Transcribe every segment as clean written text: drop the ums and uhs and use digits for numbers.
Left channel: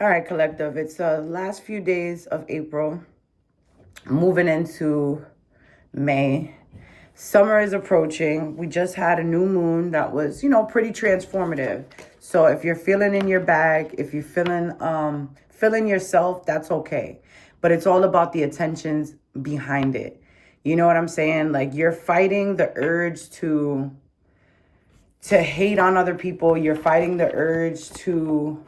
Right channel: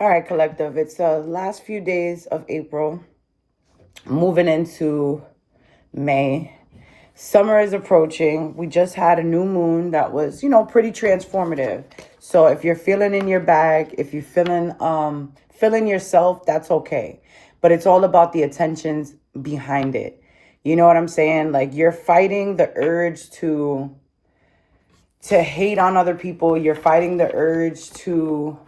All right, collective. It's the last few days of April, moving into May. Summer is approaching. We just had a new moon that was, pretty transformative. So if you're feeling in your bag, if you're feeling yourself, that's okay. But it's all about the attentions behind it. You know what I'm saying? Like you're fighting the urge to hate on other people. You're fighting the urge to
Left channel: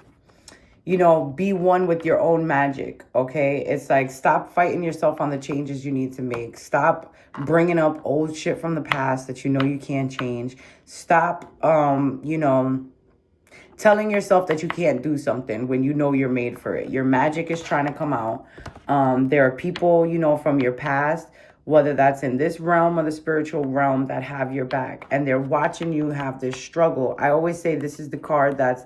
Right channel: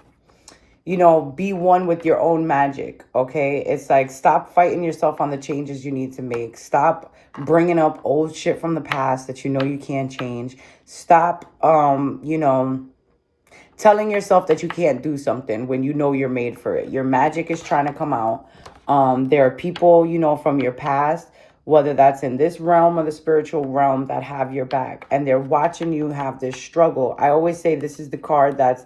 be one with your own magic, okay? It's like, stop fighting yourself on the changes you need to make. Stop bringing up old shit from the past that you know you can't change. Stop, telling yourself that you can't do something when you know you're made for it. Your magic is trying to come out. There are people, from your past, whether that's in this realm or the spiritual realm, that have your back. And they're watching you have this struggle. I always say this is the card that's,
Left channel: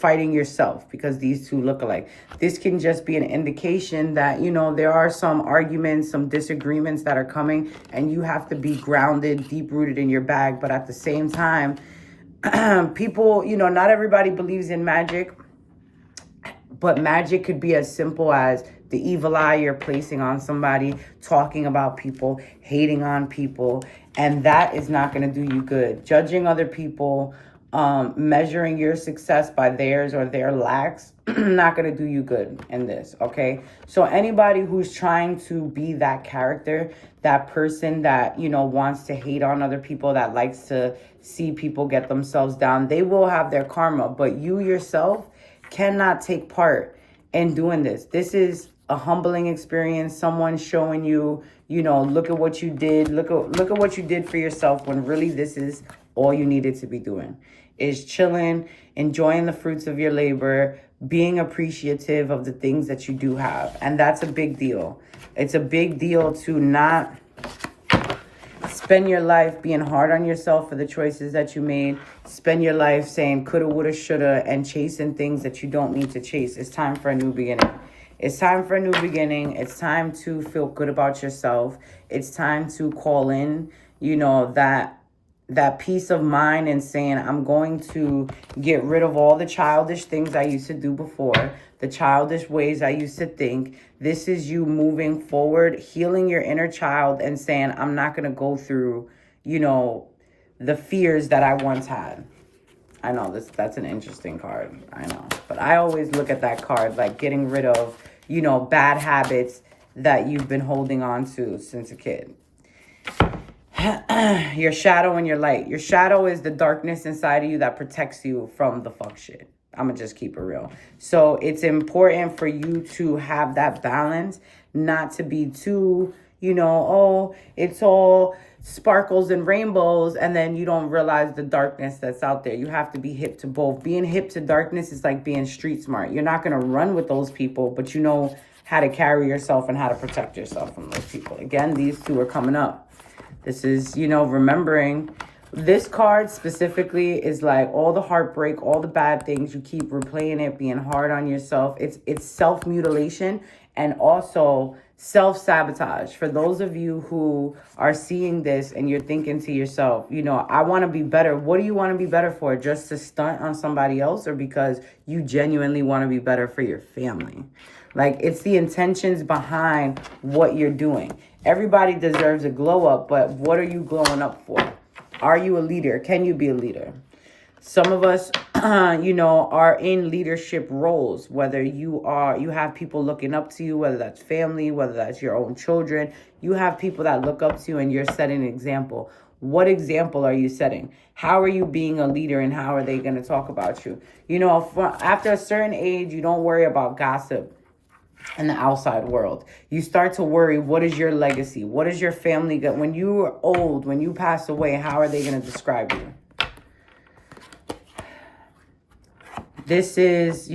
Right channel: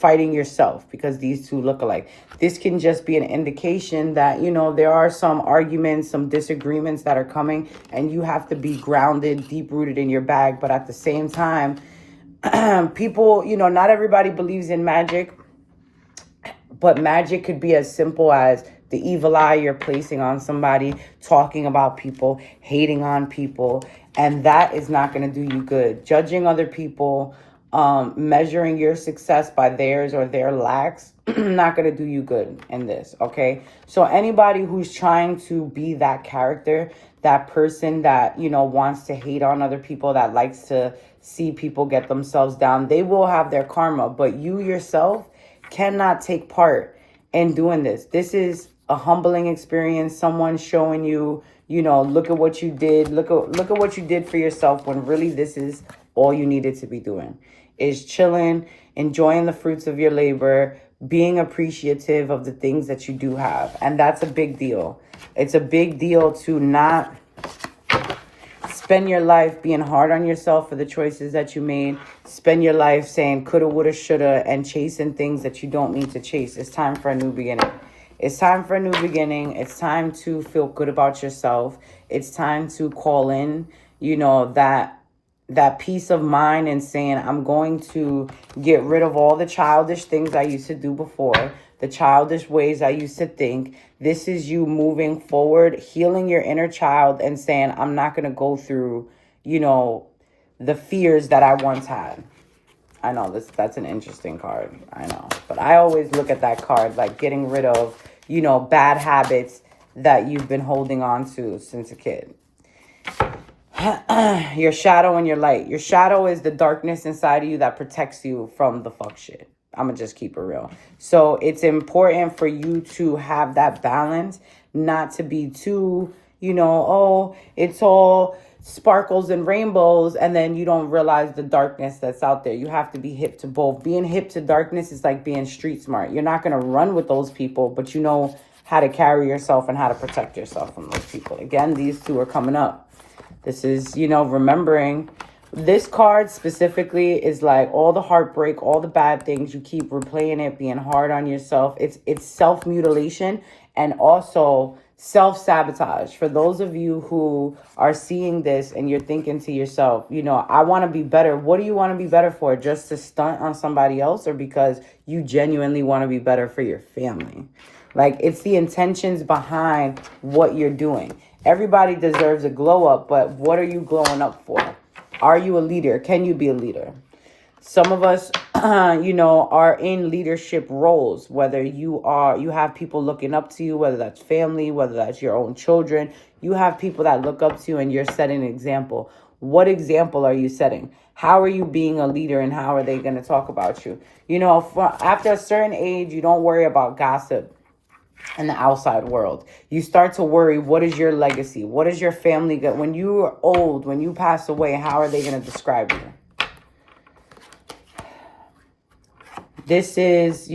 fighting yourself, because these two look alike. This can just be an indication that, there are some arguments, some disagreements that are coming, and you have to be grounded, deep rooted in your bag. But at the same time, people, not everybody believes in magic, but magic could be as simple as the evil eye you're placing on somebody, talking about people, hating on people, and that is not going to do you good. Judging other people, measuring your success by theirs or their lacks, not going to do you good in this, okay? So anybody who's trying to be that character, that person that, wants to hate on other people, that likes to see people get themselves down, they will have their karma. But you yourself cannot take part in doing this. This is a humbling experience. Someone showing you, look at what you did. Look at what you did for yourself, when really this is all you needed to be doing, is chilling, enjoying the fruits of your labor, being appreciative of the things that you do have. And that's a big deal. It's a big deal to not spend your life being hard on yourself for the choices that you made. Spend your life saying coulda, woulda, shoulda, and chasing things that you don't need to chase. It's time for a new beginning. It's time for a new beginning. It's time to feel good about yourself. It's time to call in, that peace of mind, and saying, I'm going to get rid of all the childish things I used to do before, the childish ways I used to think. This is you moving forward, healing your inner child, and saying, I'm not going to go through, the fears that I once had. I know that's an interesting card. I know. But I always look at that card like getting rid of, bad habits that you've been holding on to since a kid. Your shadow and your light. Your shadow is the darkness inside of you that protects you from the fuck shit. I'm going to just keep it real. So it's important for you to have that balance, not to be too, it's all sparkles and rainbows, and then you don't realize the darkness that's out there. You have to be hip to both. Being hip to darkness is like being street smart. You're not going to run with those people, but you know how to carry yourself and how to protect yourself from those people. Again, these two are coming up. This is, remembering. This card specifically is like all the heartbreak, all the bad things. You keep replaying it, being hard on yourself. It's self-mutilation and also self-sabotage. For those of you who are seeing this and you're thinking to yourself, I want to be better. What do you want to be better for? Just to stunt on somebody else, or because you genuinely want to be better for your family? Like, it's the intentions behind what you're doing. Everybody deserves a glow up, but what are you glowing up for? Are you a leader? Can you be a leader? Some of us, are in leadership roles, whether you have people looking up to you, whether that's family, whether that's your own children. You have people that look up to you and you're setting an example. What example are you setting? How are you being a leader, and how are they going to talk about you? After a certain age, you don't worry about gossip in the outside world. You start to worry, what is your legacy? What is your family got? When you are old, when you pass away, how are they going to describe you? This is,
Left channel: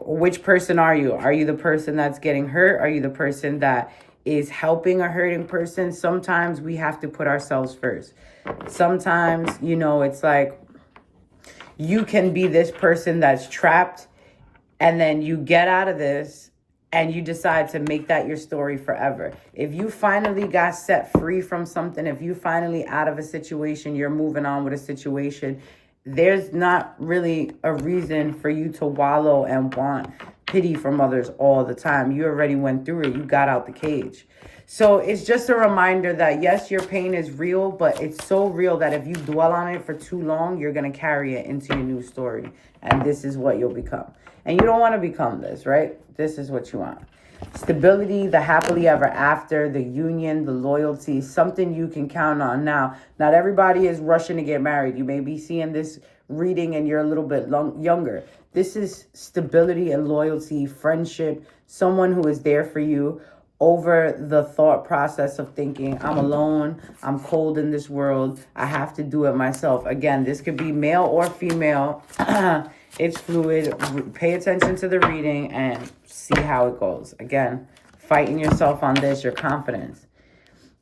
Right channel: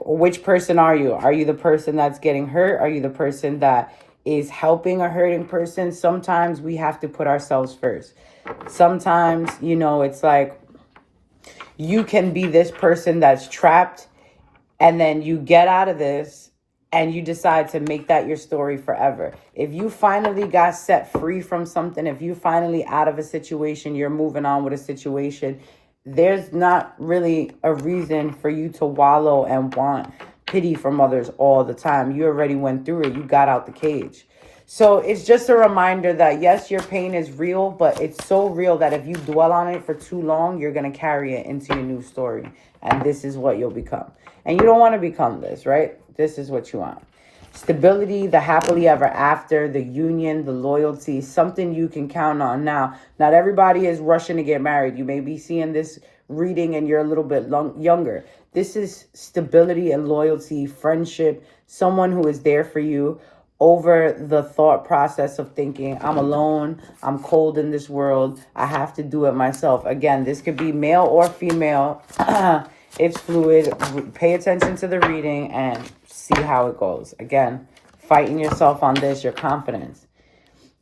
which person are you? Are you the person that's getting hurt? Are you the person that is helping a hurting person? Sometimes we have to put ourselves first. Sometimes, it's like you can be this person that's trapped, and then you get out of this and you decide to make that your story forever. If you finally got set free from something, if you finally out of a situation, you're moving on with a situation, there's not really a reason for you to wallow and want pity from others all the time. You already went through it. You got out the cage. So it's just a reminder that yes, your pain is real, but it's so real that if you dwell on it for too long, you're going to carry it into your new story. And this is what you'll become. And you don't want to become this, right? This is what you want. Stability, the happily ever after, the union, the loyalty, something you can count on. Now, not everybody is rushing to get married. You may be seeing this reading and you're a little bit younger. This is stability and loyalty, friendship, someone who is there for you over the thought process of thinking, I'm alone, I'm cold in this world, I have to do it myself. Again, this could be male or female. It's fluid. Pay attention to the reading and see how it goes. Again, fighting yourself on this, your confidence.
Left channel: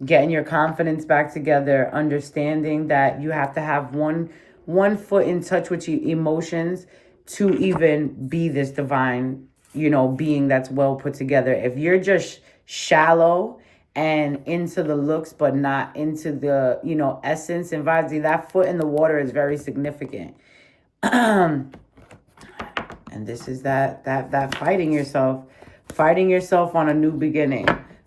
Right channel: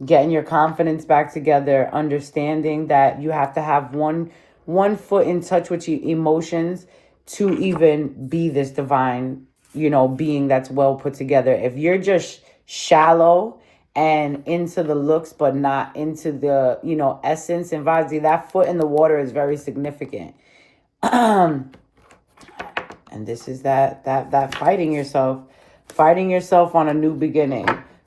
Getting your confidence back together, understanding that you have to have one foot in touch with your emotions to even be this divine, being that's well put together. If you're just shallow and into the looks but not into the essence and vibes, that foot in the water is very significant. And this is that fighting yourself on a new beginning,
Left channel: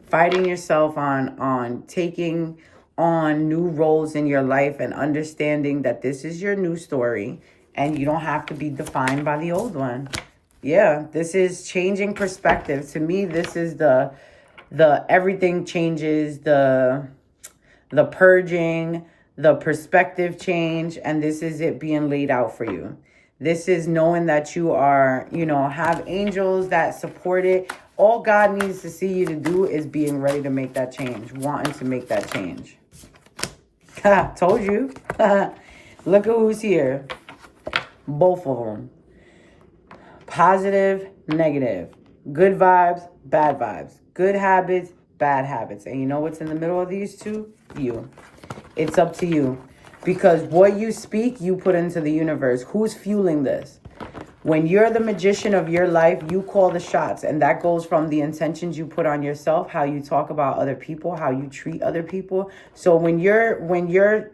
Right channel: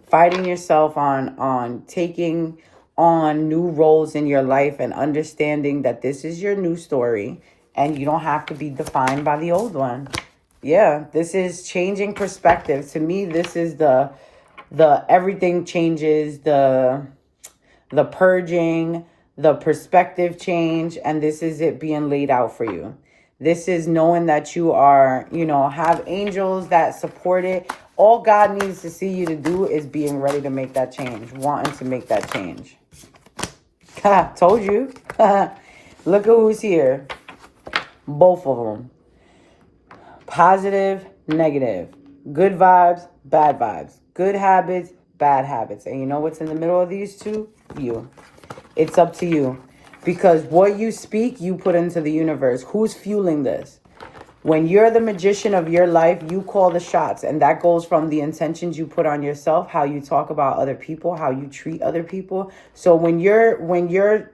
fighting yourself on taking on new roles in your life and understanding that this is your new story and you don't have to be defined by the old one. Yeah, this is changing perspective. To me, this is the everything changes, the purging, the perspective change, and this is it being laid out for you. This is knowing that you are, have angels that support it. All God needs to see you to do is being ready to make that change, wanting to make that change. Told you. Look at who's here. Both of them. Positive, negative. Good vibes, bad vibes. Good habits, bad habits. And you know what's in the middle of these two? You. It's up to you. Because what you speak, you put into the universe. Who's fueling this? When you're the magician of your life, you call the shots. And that goes from the intentions you put on yourself, how you talk about other people, how you treat other people. So when you're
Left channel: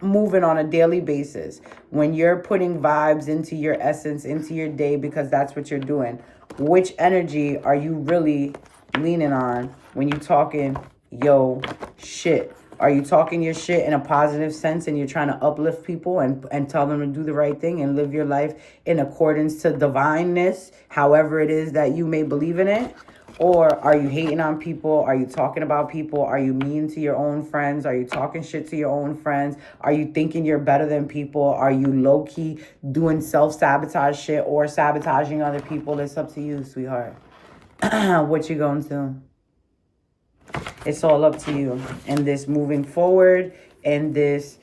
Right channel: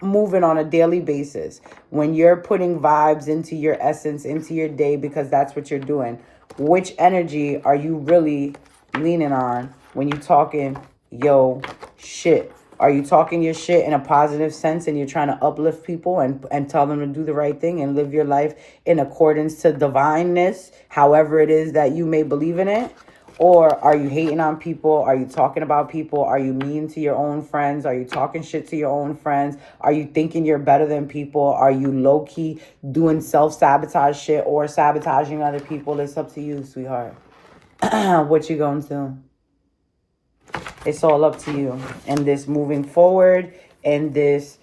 moving on a daily basis, when you're putting vibes into your essence, into your day, because that's what you're doing, which energy are you really leaning on when you're talking yo shit? Are you talking your shit in a positive sense and you're trying to uplift people and tell them to do the right thing and live your life in accordance to divineness, however it is that you may believe in it? Or are you hating on people? Are you talking about people? Are you mean to your own friends? Are you talking shit to your own friends? Are you thinking you're better than people? Are you low-key doing self-sabotage shit or sabotaging other people? It's up to you, sweetheart. What you going to? It's all up to you. And this moving forward, and this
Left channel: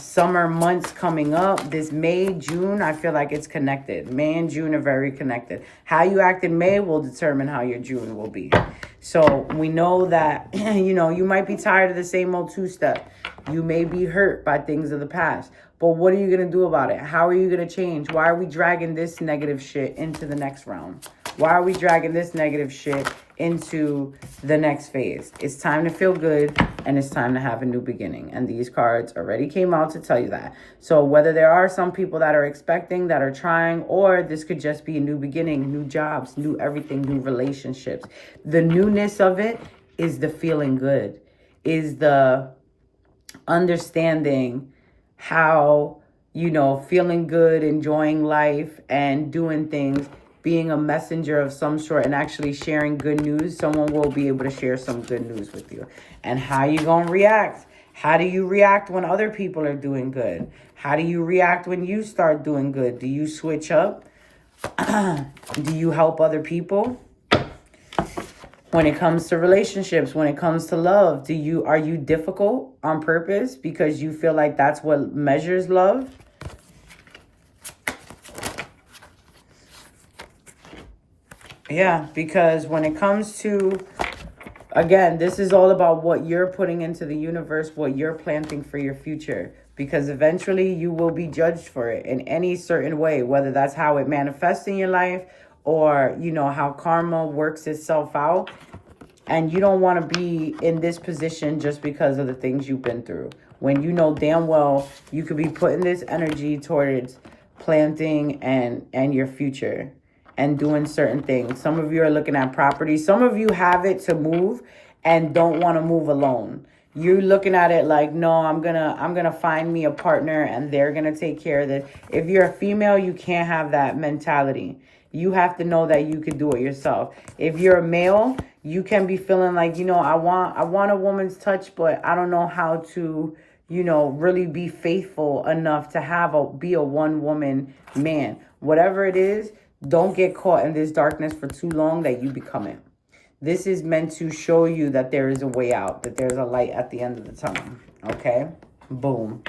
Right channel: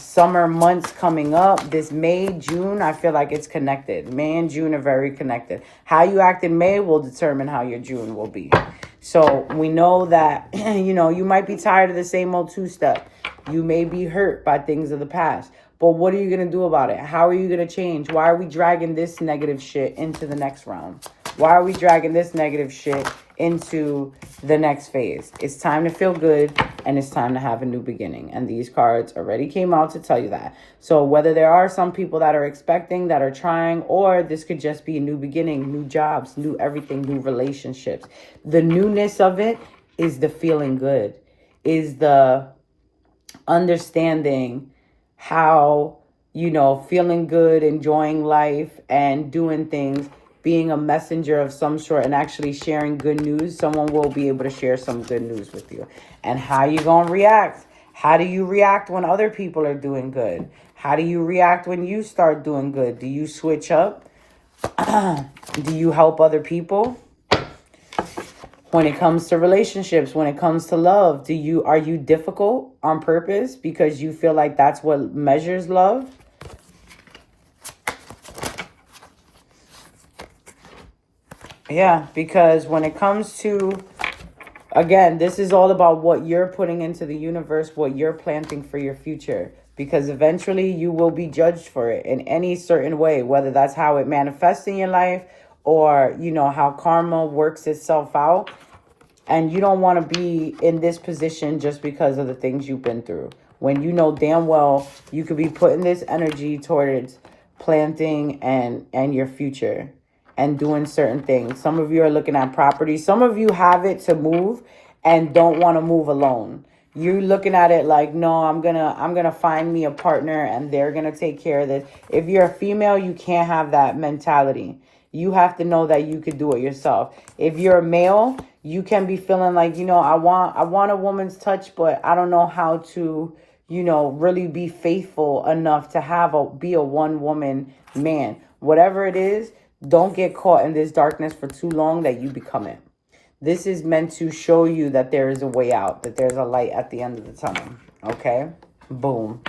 summer months coming up, this May, June, I feel like it's connected. May and June are very connected. How you act in May will determine how your June will be. So we know that, you might be tired of the same old two-step. You may be hurt by things of the past. But what are you going to do about it? How are you going to change? Why are we dragging this negative shit into the next round? Why are we dragging this negative shit into the next phase? It's time to feel good, and it's time to have a new beginning. And these cards already came out to tell you that. So whether there are some people that are expecting, that are trying, or this could just be a new beginning, new jobs, new everything, new relationships. The newness of it is the feeling good, is the understanding how, feeling good, enjoying life and doing things, being a messenger of some sort and actually sharing good news. Someone will be able to share some good news with you. And how you going to react? How do you react when other people are doing good? How do you react when you start doing good? Do you switch up? Do you help other people? When it comes to relationships, when it comes to love, are you difficult on purpose because you feel like that's what measures love? Yeah, because when it comes to, again, this is all about what you're putting into the universe, what you're planting for your future. Because eventually you will be judged for it in any certain way, whether that's how it manifests in your life or, how karma works itself out. And you don't want to be in this position just because of the things you've been through. when you know damn well you could be putting this energy towards planting and your future and doing certain things. Some of you are looking at property. Some of you have it to move and don't want to move alone. You're looking at it like, no, I'm gonna find me a partner and they're gonna take care of this. If you're a female, you can't have that mentality. You have to know that you could do it yourself. If you're a male, you can be feeling like, I want a woman's touch, but I don't know how to, really be faithful enough to be a one woman man. Whatever it is, don't get caught in this darkness for too long that you become it. This is meant to show you that there is a way out, that there's a light at the end of the tunnel. Okay? Boom.